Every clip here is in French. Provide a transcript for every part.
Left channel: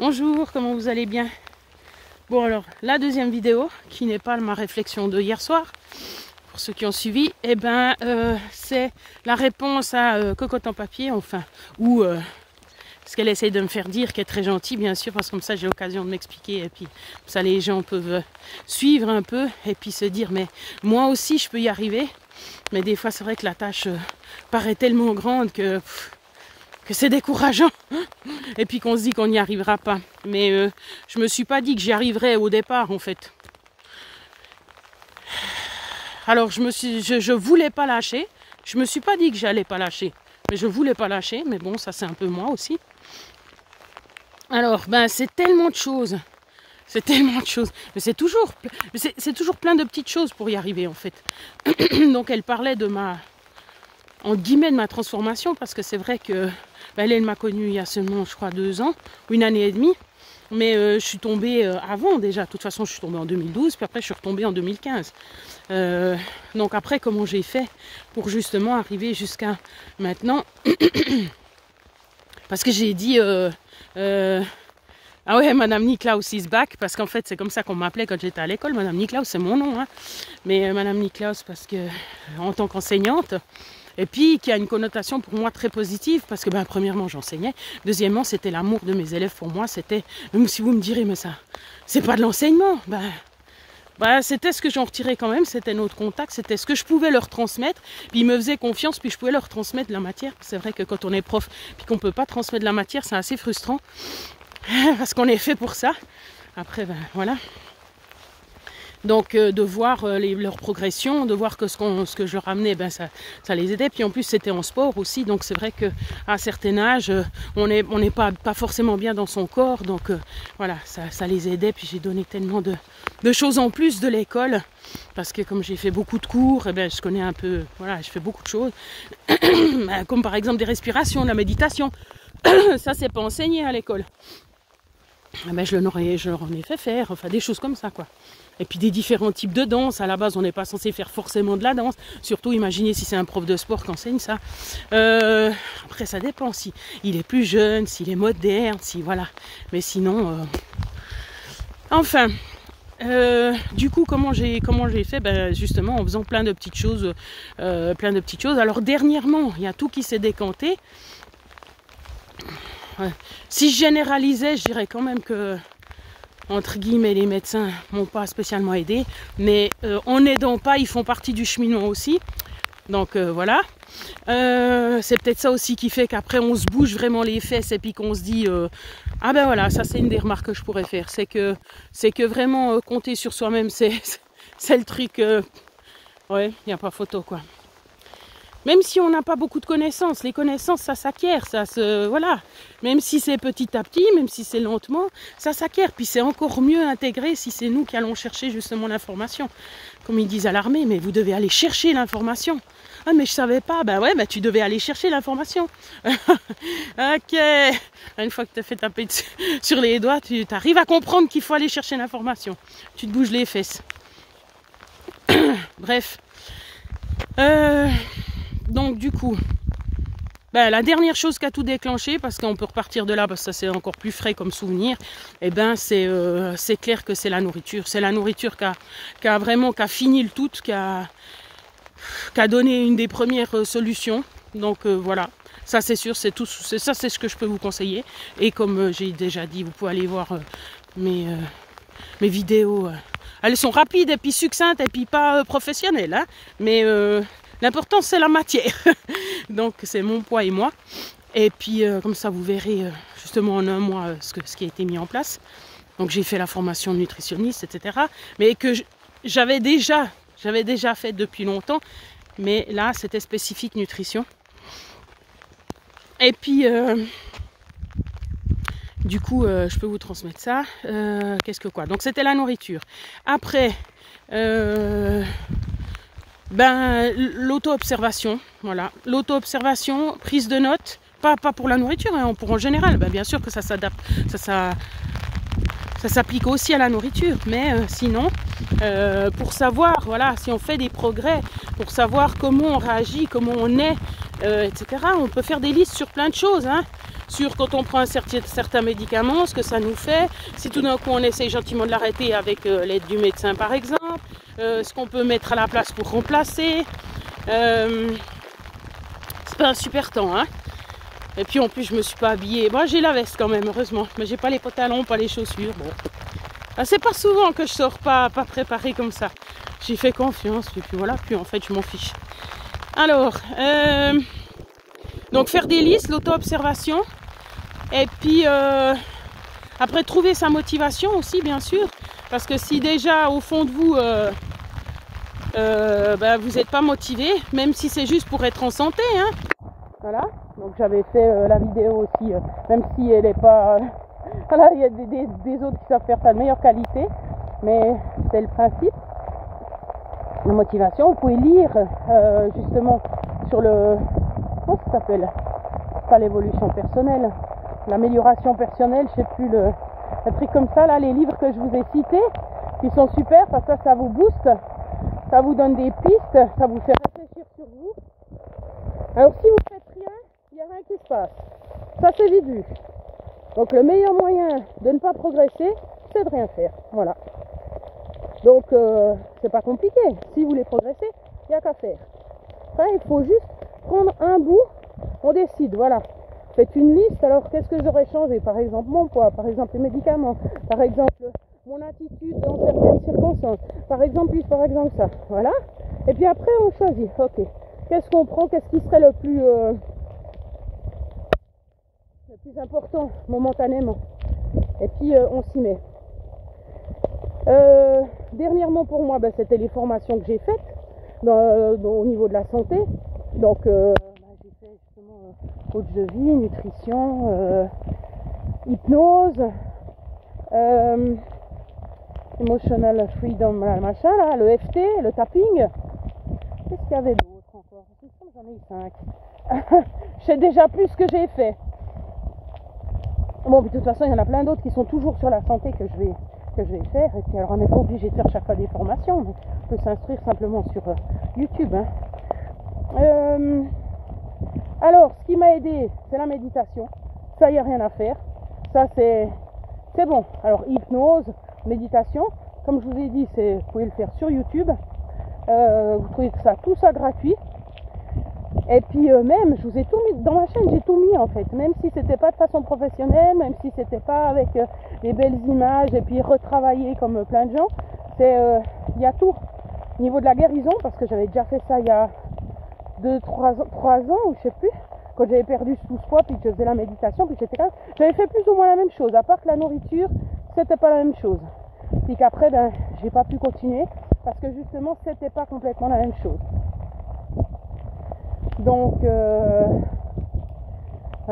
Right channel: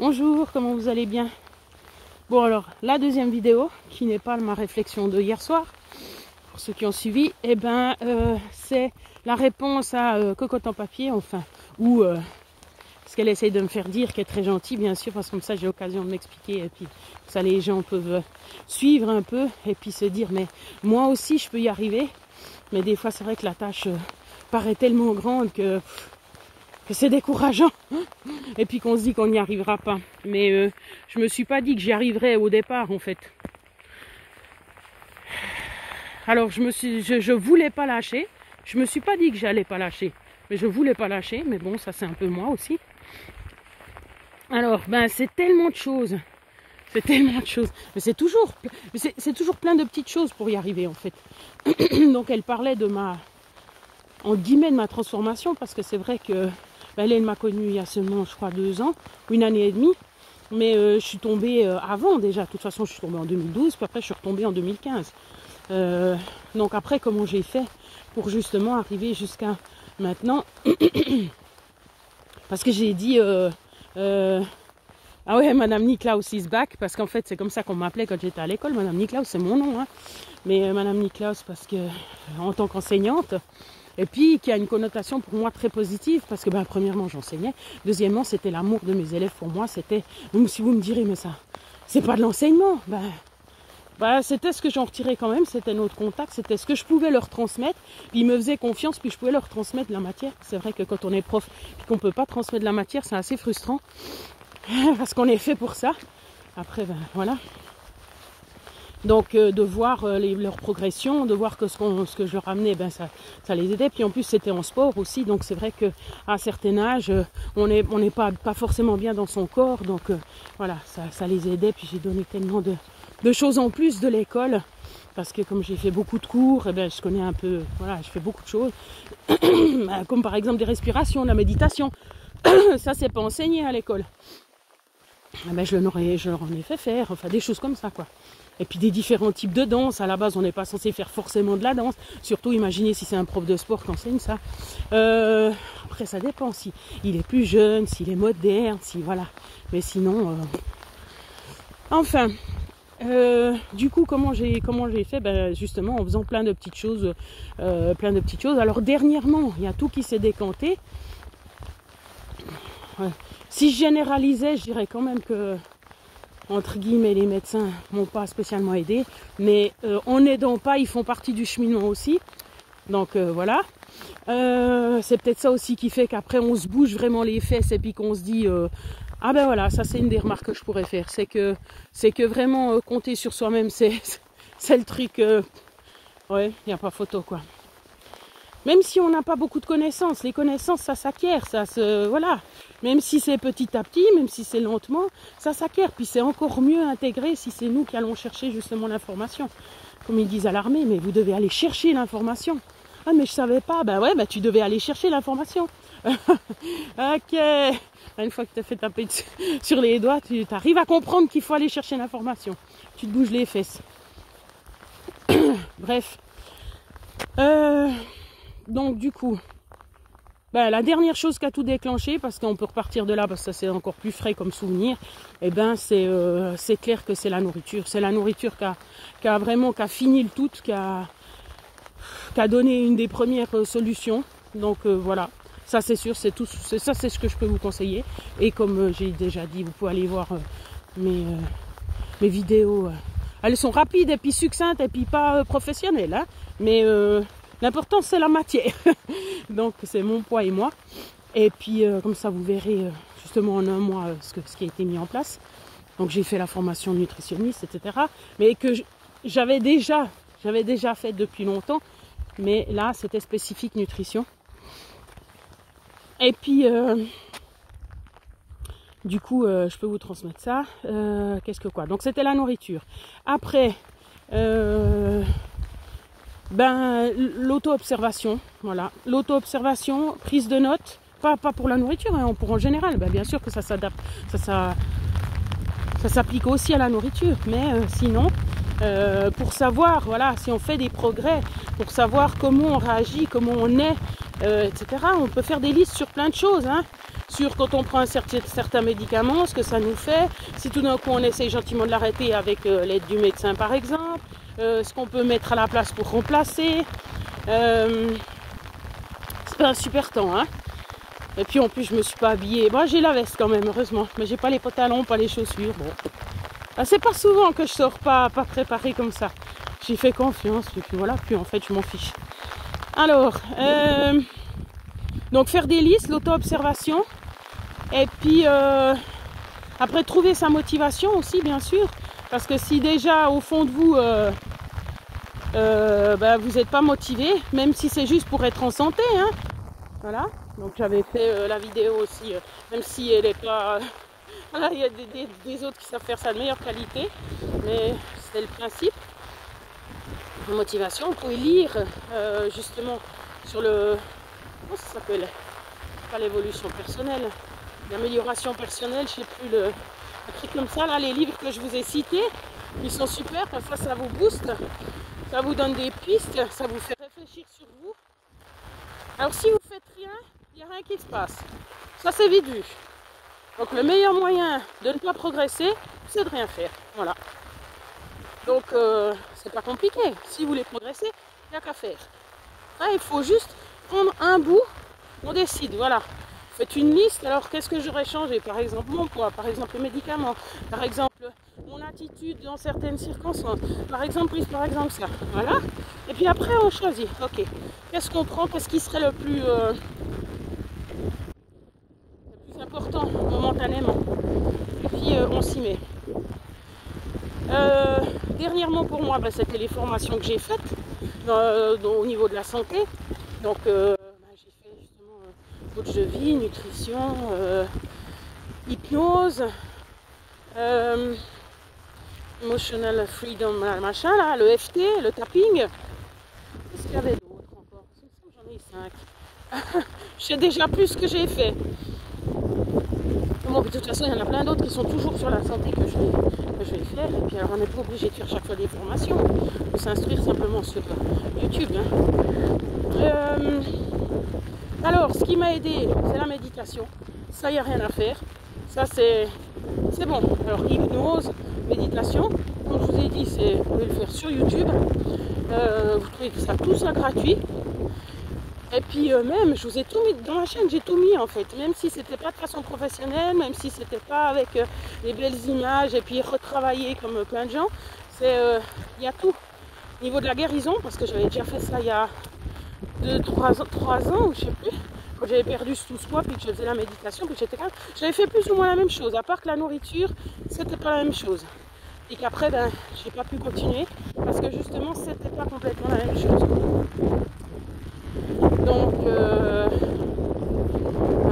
Bonjour, comment vous allez bien? Bon alors, la deuxième vidéo, qui n'est pas ma réflexion de hier soir, pour ceux qui ont suivi, c'est la réponse à Cocotte en papier, enfin, ou ce qu'elle essaye de me faire dire, qui est très gentil bien sûr, parce que comme ça j'ai l'occasion de m'expliquer, et puis ça les gens peuvent suivre un peu, et puis se dire, mais moi aussi je peux y arriver, mais des fois c'est vrai que la tâche paraît tellement grande que c'est décourageant et puis qu'on se dit qu'on n'y arrivera pas. Mais je me suis pas dit que j'y arriverais au départ en fait. Alors je voulais pas lâcher. Je me suis pas dit que j'allais pas lâcher, mais je voulais pas lâcher. Mais bon, ça c'est un peu moi aussi. Alors c'est tellement de choses. C'est tellement de choses. Mais c'est toujours plein de petites choses pour y arriver en fait. Donc elle parlait de en guillemets de ma transformation, parce que c'est vrai que elle m'a connue il y a seulement, je crois, 2 ans, une année et demie. Mais je suis tombée avant déjà. De toute façon, je suis tombée en 2012, puis après, je suis retombée en 2015. Donc après, comment j'ai fait pour justement arriver jusqu'à maintenant? Parce que j'ai dit... ah ouais, Madame Niklaus is back, parce qu'en fait, c'est comme ça qu'on m'appelait quand j'étais à l'école. Madame Niklaus, c'est mon nom. Hein. Mais Madame Niklaus, parce que en tant qu'enseignante... Et puis, qui a une connotation pour moi très positive, parce que premièrement, j'enseignais. Deuxièmement, c'était l'amour de mes élèves pour moi. C'était, même si vous me direz, mais ça, c'est pas de l'enseignement. C'était ce que j'en retirais quand même, c'était notre contact, c'était ce que je pouvais leur transmettre. Puis ils me faisaient confiance, puis je pouvais leur transmettre de la matière. C'est vrai que quand on est prof, puis qu'on peut pas transmettre de la matière, c'est assez frustrant. Parce qu'on est fait pour ça. Après, voilà. Donc de voir leur progression, de voir que ce que je leur amenais, ça les aidait. Puis en plus c'était en sport aussi, donc c'est vrai qu'à un certain âge, on n'est pas forcément bien dans son corps. Donc voilà, ça les aidait. Puis j'ai donné tellement de choses en plus de l'école. Parce que comme j'ai fait beaucoup de cours, je connais un peu, voilà, je fais beaucoup de choses. Comme par exemple des respirations, de la méditation. Ça c'est pas enseigné à l'école. Je leur en ai fait faire, enfin des choses comme ça quoi. Et puis des différents types de danse. À la base, on n'est pas censé faire forcément de la danse. Surtout, imaginez si c'est un prof de sport qui enseigne ça. Après, ça dépend si il est plus jeune, s'il est moderne, si voilà. Mais sinon, enfin, du coup, comment j'ai fait? Justement, en faisant plein de petites choses, Alors dernièrement, il y a tout qui s'est décanté. Si je généralisais, je dirais quand même que entre guillemets, les médecins m'ont pas spécialement aidé, mais en n'aidant pas, ils font partie du cheminement aussi. Donc voilà. C'est peut-être ça aussi qui fait qu'après on se bouge vraiment les fesses et puis qu'on se dit voilà, ça c'est une des remarques que je pourrais faire, c'est que vraiment compter sur soi-même, c'est le truc. Ouais, il n'y a pas photo quoi. Même si on n'a pas beaucoup de connaissances, les connaissances ça s'acquiert, voilà. Même si c'est petit à petit, même si c'est lentement, ça s'acquiert. Puis c'est encore mieux intégré si c'est nous qui allons chercher justement l'information. Comme ils disent à l'armée, mais vous devez aller chercher l'information. Ah mais je savais pas, tu devais aller chercher l'information. Ok. Une fois que tu as fait taper sur les doigts, tu arrives à comprendre qu'il faut aller chercher l'information. Tu te bouges les fesses. Bref. Donc du coup, la dernière chose qui a tout déclenché, parce qu'on peut repartir de là, parce que ça c'est encore plus frais comme souvenir, c'est clair que c'est la nourriture. C'est la nourriture qui a fini le tout, qui a donné une des premières solutions. Donc voilà, ça c'est sûr, c'est ce que je peux vous conseiller. Et comme j'ai déjà dit, vous pouvez aller voir mes vidéos. Elles sont rapides et puis succinctes et puis pas professionnelles, hein, mais l'important c'est la matière. Donc c'est mon poids et moi. Et puis comme ça vous verrez justement en un mois ce qui a été mis en place. Donc j'ai fait la formation de nutritionniste, etc. Mais que j'avais déjà fait depuis longtemps. Mais là c'était spécifique nutrition. Et puis du coup je peux vous transmettre ça. Qu'est-ce que quoi? Donc c'était la nourriture. Après l'auto-observation, voilà, l'auto-observation, prise de notes, pas pour la nourriture, hein, pour en général, bien sûr que ça s'adapte, ça s'applique aussi à la nourriture, mais sinon, pour savoir, voilà, si on fait des progrès, pour savoir comment on réagit, comment on est, etc., on peut faire des listes sur plein de choses, hein. sur quand on prend certains médicaments, ce que ça nous fait, si tout d'un coup on essaye gentiment de l'arrêter avec l'aide du médecin par exemple, ce qu'on peut mettre à la place pour remplacer. C'est pas un super temps, hein. Et puis en plus je me suis pas habillée. Bon, j'ai la veste quand même, heureusement, mais j'ai pas les pantalons, pas les chaussures. Bon, c'est pas souvent que je sors pas préparée comme ça. J'ai fait confiance, et puis voilà, puis en fait je m'en fiche. Alors, donc faire des listes, l'auto-observation, et puis après trouver sa motivation aussi, bien sûr, parce que si déjà au fond de vous, vous n'êtes pas motivé, même si c'est juste pour être en santé, hein. Voilà, donc j'avais fait la vidéo aussi, même si elle n'est pas... voilà, il y a des autres qui savent faire ça de meilleure qualité, mais c'est le principe. La motivation, vous pouvez lire justement sur le... Comment ça s'appelle? Pas l'évolution personnelle, l'amélioration personnelle, je sais plus, un truc comme ça, là, les livres que je vous ai cités, ils sont super, parce que ça vous booste, ça vous donne des pistes, ça vous fait réfléchir sur vous. Alors si vous faites rien, il n'y a rien qui se passe. Ça c'est vite vu. Donc le meilleur moyen de ne pas progresser, c'est de rien faire. Voilà. Donc c'est pas compliqué. Si vous voulez progresser, il n'y a qu'à faire. Enfin, il faut juste prendre un bout, on décide, voilà. Faites une liste, alors qu'est-ce que j'aurais changé? Par exemple mon poids, par exemple les médicaments, par exemple mon attitude dans certaines circonstances, par exemple plus, par exemple ça. Voilà. Et puis après on choisit, ok. Qu'est-ce qu'on prend? Qu'est-ce qui serait le plus important momentanément? Et puis on s'y met. Dernièrement pour moi, c'était les formations que j'ai faites au niveau de la santé. Donc j'ai fait justement coach de vie, nutrition, hypnose, emotional freedom, machin là, le FT, le tapping. Qu'est-ce qu'il y avait d'autre encore? J'en ai eu 5. Je sais déjà plus ce que j'ai fait. Bon, de toute façon, il y en a plein d'autres qui sont toujours sur la santé que je vais faire. Et puis alors, on n'est pas obligé de faire chaque fois des formations. On peut s'instruire simplement sur YouTube. Hein. Alors, ce qui m'a aidé, c'est la méditation. Ça, il n'y a rien à faire. Ça, c'est bon. Alors, hypnose, méditation, comme je vous ai dit, vous pouvez le faire sur YouTube. Vous trouvez que tout ça gratuit. Et puis même, je vous ai tout mis dans ma chaîne, j'ai tout mis en fait, même si c'était pas de façon professionnelle, même si c'était pas avec des belles images et puis retravaillé comme plein de gens, il y a tout. Au niveau de la guérison, parce que j'avais déjà fait ça il y a 3 ans, ou je sais plus, quand j'avais perdu tout ce poids, puis que je faisais la méditation, puis que j'étais calme, j'avais fait plus ou moins la même chose, à part que la nourriture, c'était pas la même chose. Puis qu'après, j'ai pas pu continuer, parce que justement, c'était pas complètement la même chose. Donc,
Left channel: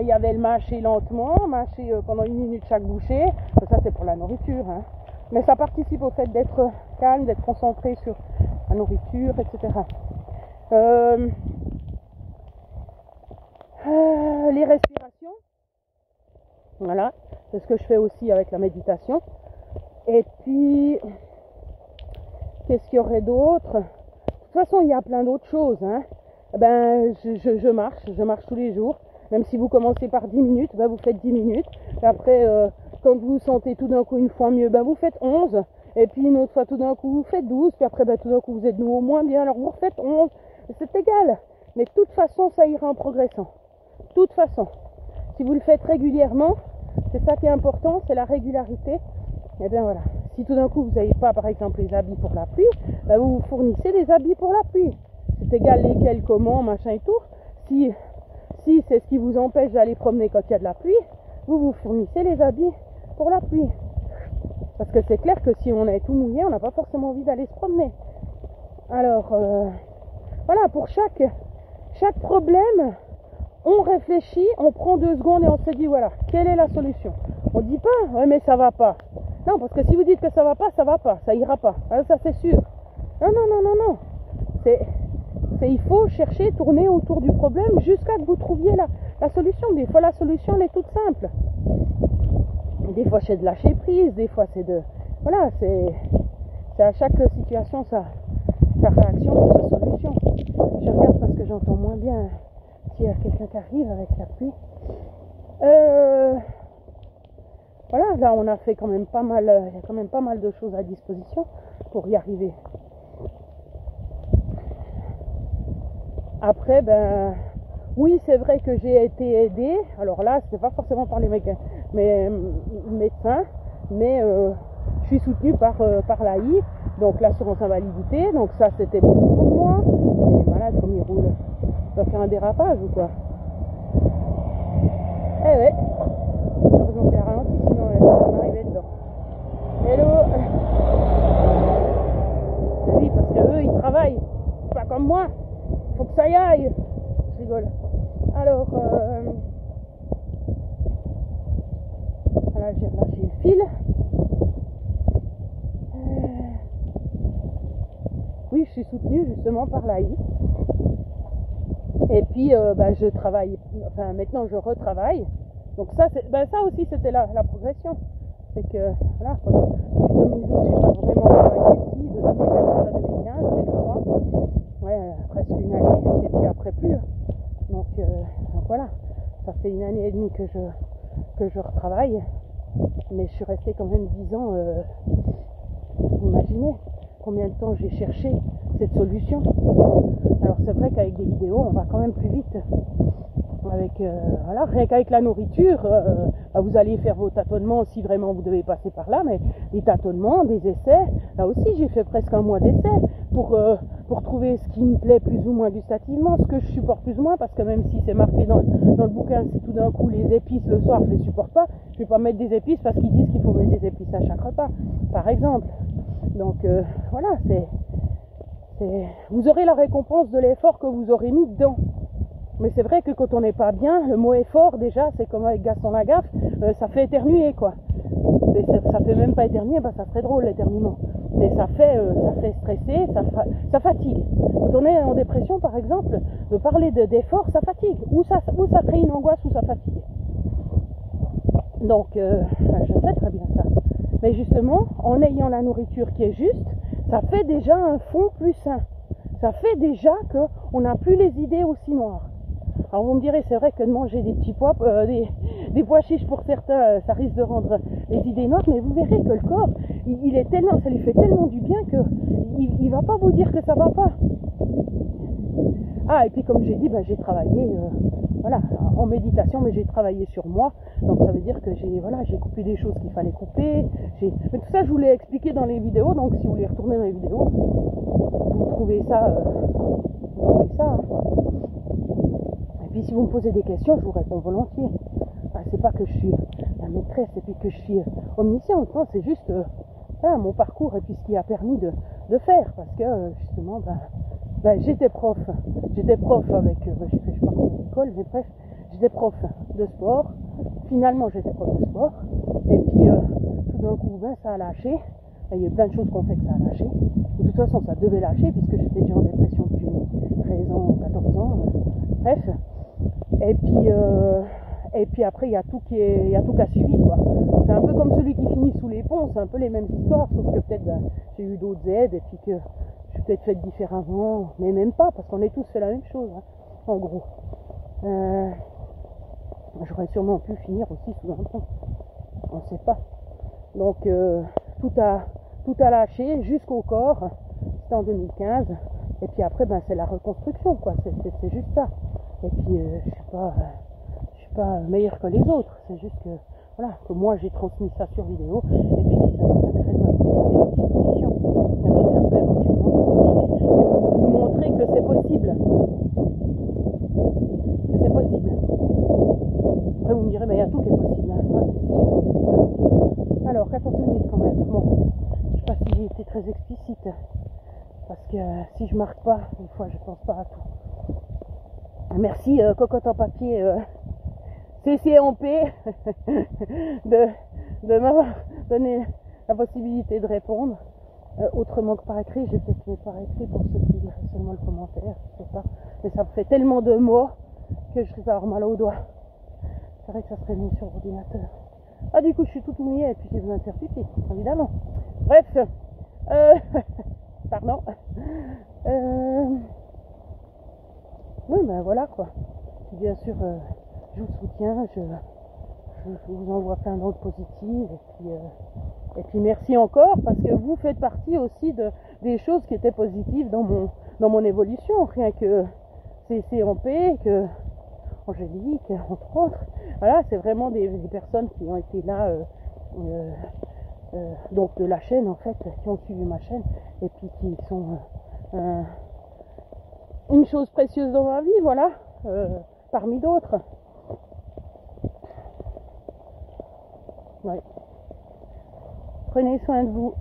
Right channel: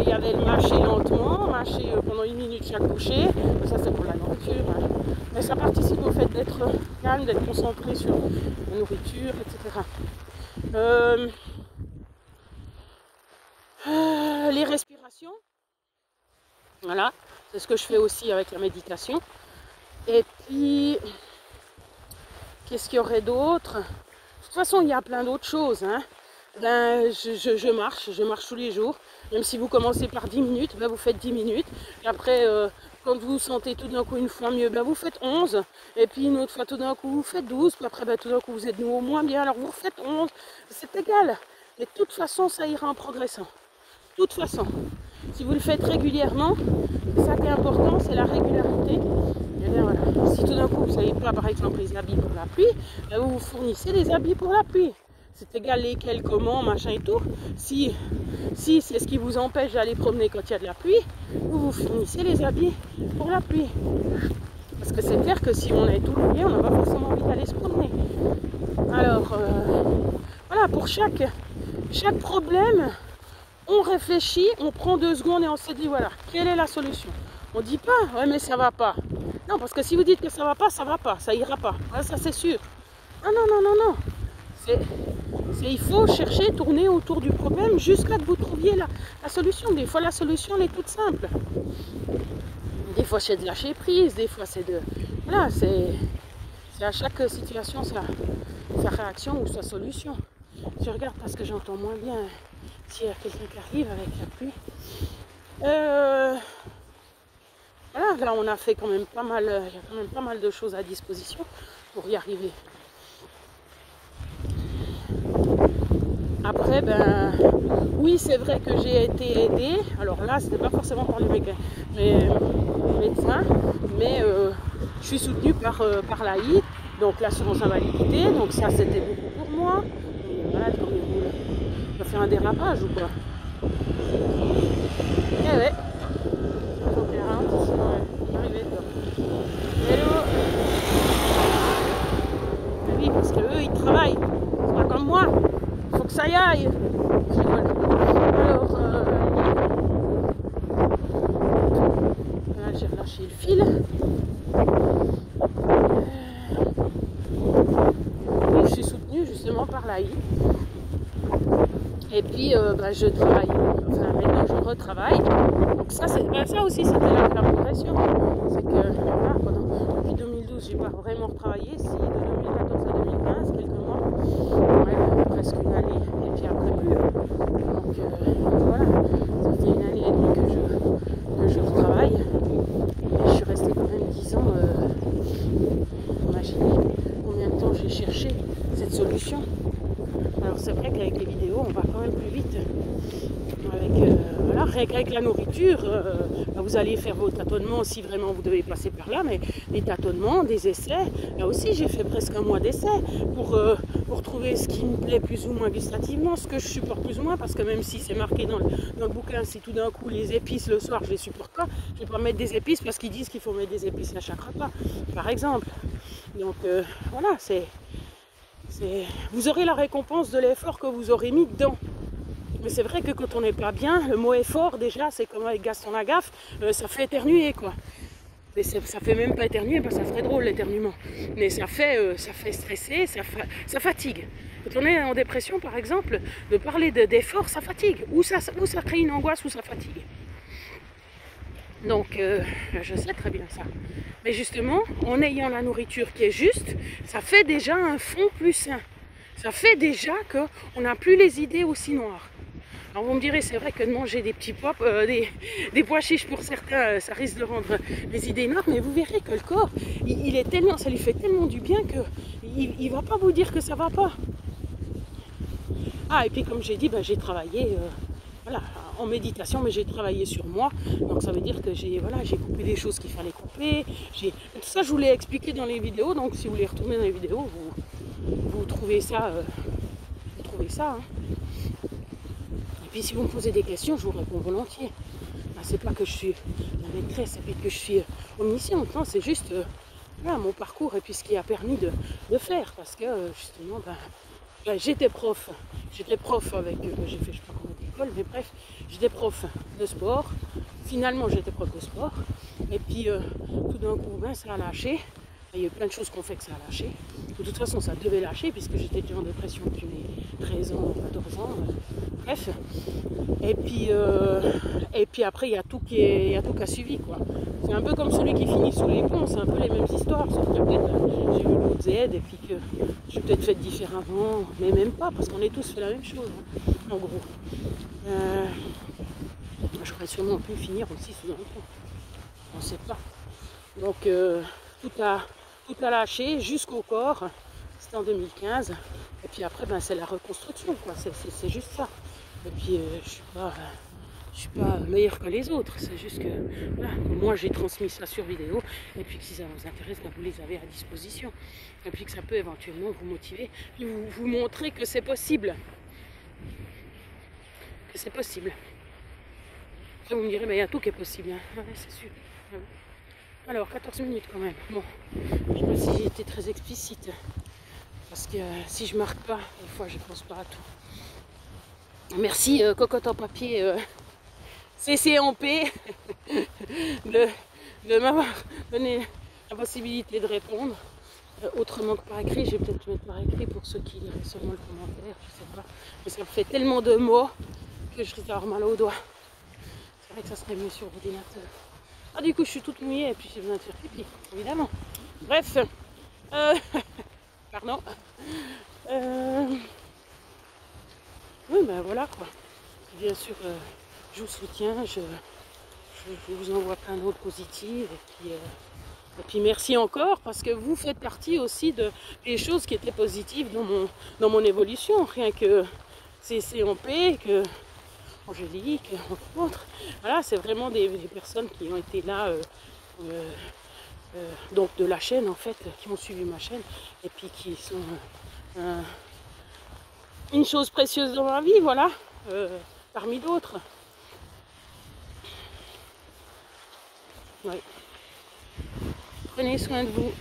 il y avait le mâcher lentement, mâcher pendant 1 minute chaque bouchée. Ça, c'est pour la nourriture. Hein. Mais ça participe au fait d'être calme, d'être concentré sur la nourriture, etc. Les respirations. Voilà, c'est ce que je fais aussi avec la méditation. Et puis, qu'est-ce qu'il y aurait d'autre? De toute façon, il y a plein d'autres choses. Hein. Je marche tous les jours. Même si vous commencez par 10 minutes, vous faites 10 minutes. Et après, quand vous sentez tout d'un coup une fois mieux, vous faites 11. Et puis une autre fois, tout d'un coup, vous faites 12. Puis après, tout d'un coup, vous êtes de nouveau moins bien. Alors vous refaites 11. C'est égal. Mais de toute façon, ça ira en progressant. De toute façon. Si vous le faites régulièrement, c'est ça qui est important, c'est la régularité. Et bien voilà. Si tout d'un coup, vous n'avez pas, par exemple, les habits pour la pluie, vous vous fournissez des habits pour la pluie. C'est égal lesquels, comment, machin et tout. Si c'est ce qui vous empêche d'aller promener quand il y a de la pluie, vous vous fournissez les habits pour la pluie. Parce que c'est clair que si on est tout mouillé, on n'a pas forcément envie d'aller se promener. Alors, voilà, pour chaque problème, on réfléchit, on prend 2 secondes et on se dit, voilà, quelle est la solution? On ne dit pas, ouais, mais ça va pas. Non, parce que si vous dites que ça va pas, ça ira pas. Voilà, ça c'est sûr. Non. Il faut chercher, tourner autour du problème jusqu'à que vous trouviez la solution. Des fois, la solution, elle est toute simple. Des fois, c'est de lâcher prise. Des fois, c'est de... Voilà, c'est à chaque situation sa réaction ou sa solution. Je regarde parce que j'entends moins bien s'il y a quelqu'un qui arrive avec la pluie. Voilà, là on a fait quand même pas mal, il y a quand même pas mal de choses à disposition pour y arriver. Après, ben oui, c'est vrai que j'ai été aidée. Alors là, c'était pas forcément par les médecins, mais je suis soutenue par l'AI, donc l'assurance invalidité. Donc ça, c'était bon pour moi. Et malade comme il roule. Il va faire un dérapage ou quoi? Eh ouais. Donc il y a rien, sinon elle va arriver dedans. Hello. Ah oui, parce qu'eux, ils travaillent. C'est pas comme moi. Faut que ça y aille. Je rigole. Alors, voilà, j'ai relâché le fil. Oui, je suis soutenue justement par l'AI. Et puis, je travaille. Enfin, maintenant, je retravaille. Donc ça, ça aussi, c'était la progression. C'est que, voilà, depuis 2012, j'ai pas vraiment travaillé. Si, de 2014 à 2015, quelques mois. Ouais, presque une année. Et puis après, plus. Donc, voilà. Ça fait une année et demie que je retravaille. Mais je suis restée quand même 10 ans. Imaginez combien de temps j'ai cherché cette solution. Alors c'est vrai qu'avec les vidéos, on va quand même plus vite. Voilà, rien qu'avec la nourriture, vous allez faire vos tâtonnements si vraiment vous devez passer par là, mais des tâtonnements, des essais, là aussi j'ai fait presque un mois d'essais pour trouver ce qui me plaît plus ou moins gustativement, ce que je supporte plus ou moins, parce que même si c'est marqué dans le bouquin, si tout d'un coup les épices le soir je les supporte pas, je vais pas mettre des épices parce qu'ils disent qu'il faut mettre des épices à chaque repas, par exemple. Donc voilà, vous aurez la récompense de l'effort que vous aurez mis dedans. Mais c'est vrai que quand on n'est pas bien, le mot effort déjà, c'est comme avec Gaston Lagaffe, ça fait éternuer quoi. Et ça fait même pas éternuer, ça serait drôle l'éternuement. Mais ça fait stresser, ça fatigue. Quand on est en dépression par exemple, de parler d'effort, ça fatigue. Ou ça crée une angoisse, ou ça fatigue. Donc je sais très bien ça. Mais justement, en ayant la nourriture qui est juste, ça fait déjà un fond plus sain. Ça fait déjà qu'on n'a plus les idées aussi noires. Alors vous me direz, c'est vrai que de manger des petits pois, des pois chiches pour certains, ça risque de rendre les idées noires, mais vous verrez que le corps, ça lui fait tellement du bien qu'il ne va pas vous dire que ça ne va pas. Ah, et puis comme j'ai dit, j'ai travaillé en méditation, mais j'ai travaillé sur moi. Donc ça veut dire que j'ai coupé des choses qu'il fallait couper. Tout ça, je vous l'ai expliqué dans les vidéos, donc si vous voulez retourner dans les vidéos, vous trouvez ça. Hein. Et puis si vous me posez des questions, je vous réponds volontiers. C'est pas que je suis la maîtresse et puis que je suis omnisciente, non, c'est juste mon parcours et puis ce qui a permis de faire. Parce que justement, j'étais prof avec, j'ai fait je sais pas combien d'écoles, mais bref, j'étais prof de sport. Finalement, j'étais prof de sport. Et puis tout d'un coup, ça a lâché. Il y a eu plein de choses qui ont fait que ça a lâché. De toute façon, ça devait lâcher puisque j'étais déjà en dépression depuis mes 13 ans, 14 ans. Bref. Et puis après, il y a tout qui a suivi, quoi. C'est un peu comme celui qui finit sous les ponts, c'est un peu les mêmes histoires, sauf que peut-être j'ai eu d'autres aides et puis que j'ai peut-être fait différemment, mais même pas, parce qu'on est tous fait la même chose, hein, en gros. J'aurais sûrement pu finir aussi sous un pont, on ne sait pas. Donc tout a lâché jusqu'au corps, c'était en 2015, et puis après c'est la reconstruction, quoi, c'est juste ça. Et puis je suis pas meilleure que les autres, c'est juste que moi j'ai transmis ça sur vidéo, et puis que si ça vous intéresse, vous les avez à disposition, et puis que ça peut éventuellement vous motiver, et vous montrer que c'est possible. Après vous me direz, il y a tout qui est possible, hein. C'est sûr. Alors 14 minutes quand même, bon, je sais pas si j'ai été très explicite, parce que si je marque pas, des fois je pense pas à tout. Merci Cocotte en papier CCMP de m'avoir donné la possibilité de répondre autrement que par écrit. Je vais peut-être mettre par écrit pour ceux qui liraient seulement le commentaire, je sais pas, mais ça me fait tellement de mots que je risque d'avoir mal aux doigts. C'est vrai que ça serait mieux sur l'ordinateur. Ah, du coup je suis toute mouillée et puis j'ai besoin de faire pipi, évidemment. Bref, pardon. Oui, voilà quoi. Bien sûr, je vous soutiens, je vous envoie plein d'autres positives. Et puis merci encore parce que vous faites partie aussi des choses qui étaient positives dans mon évolution. Rien que CCMP, que Angélique, entre autres. Voilà, c'est vraiment des personnes qui ont été là, donc de la chaîne en fait, qui ont suivi ma chaîne et puis qui sont une chose précieuse dans ma vie, voilà, parmi d'autres. Ouais. Prenez soin de vous.